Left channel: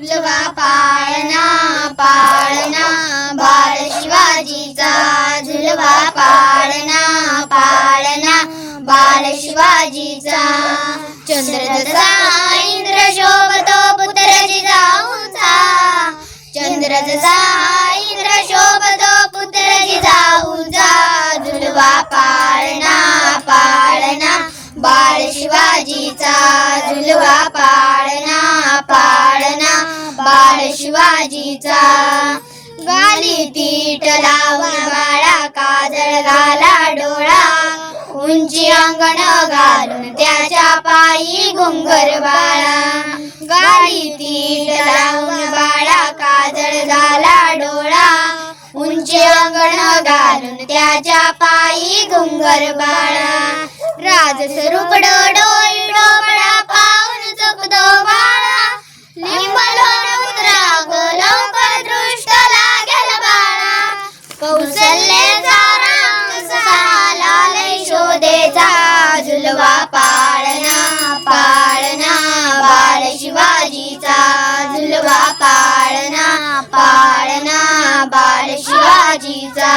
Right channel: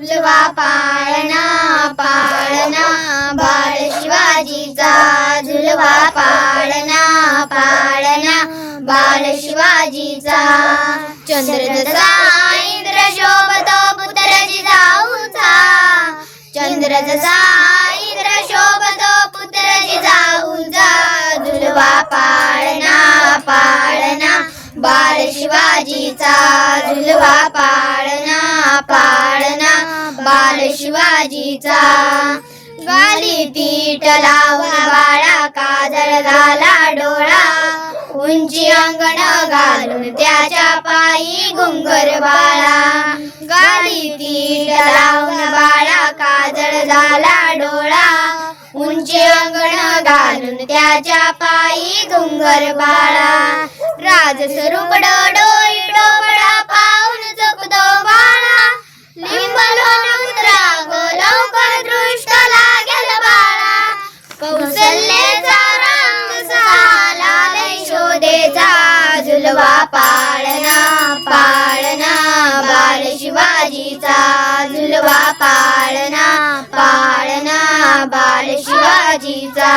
झुलवा पाळणा पाळणा बाळ शिवाजीचा झुलवा पाळणा पाळणा बाळ शिवाजीचा चंद्र जसा इंद्र शोभतो पुत्र जिजाऊचा चंद्र जसा इंद्र शोभतो पुत्र जिजाऊचा झुलवा पाळणा पाळणा बाळ शिवाजीचा झुलवा पाळणा पाळणा बाळ शिवाजीचा गाली पीठ लावून बाळा काजळ घाला डोळा उंची अंगण घालून त्याच्या पायी घुंगर बाळा गाली पीठ लावून बाळा काजळ घाला डोळा उंची अंगण घालून त्याच्या पायी घुंगर बाळा राजस्वरूप डोळी डोबळा पाहून चुकतो बाळा लिंबलोन उतराग लवकर दृष्ट लागेल बाळा कौशल्याचा रंग साला लय शोधेचा झुलवा पाळणा पाळणा बाळ शिवाजीचा झुलवा पाळणा पाळणा बाळ शिवाजीचा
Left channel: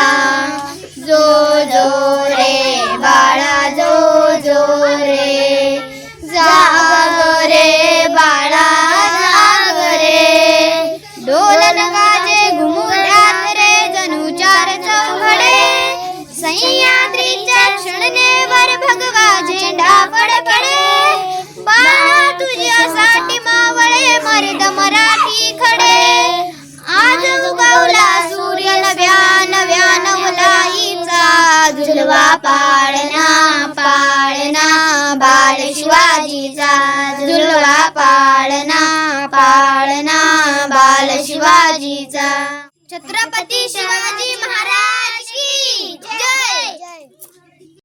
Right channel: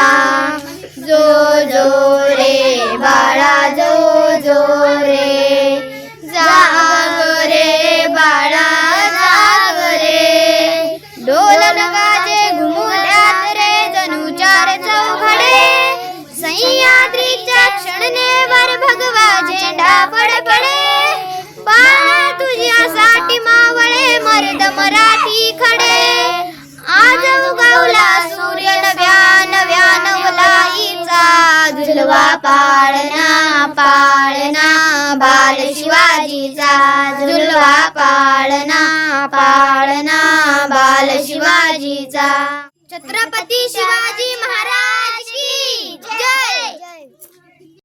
जो जो रे बाळा जो जो रे जाग रे बाळा जाग रे ढोल वाजे घुमुरात रे जणू चार चौघडे सह्याद्रीच्या क्षणनेवर भगवा झेंडा फडफडे बाळा तुझ्यासाठी मावळे मर्द मराठी खडे आज उगवला सूर्य नव्या नव्या नवलाईचा झुलवा पाळणा पाळणा बाळ शिवाजीचा झुलवा पाळणा पाळणा बाळ शिवाजीचा छत्रपती शिवाजी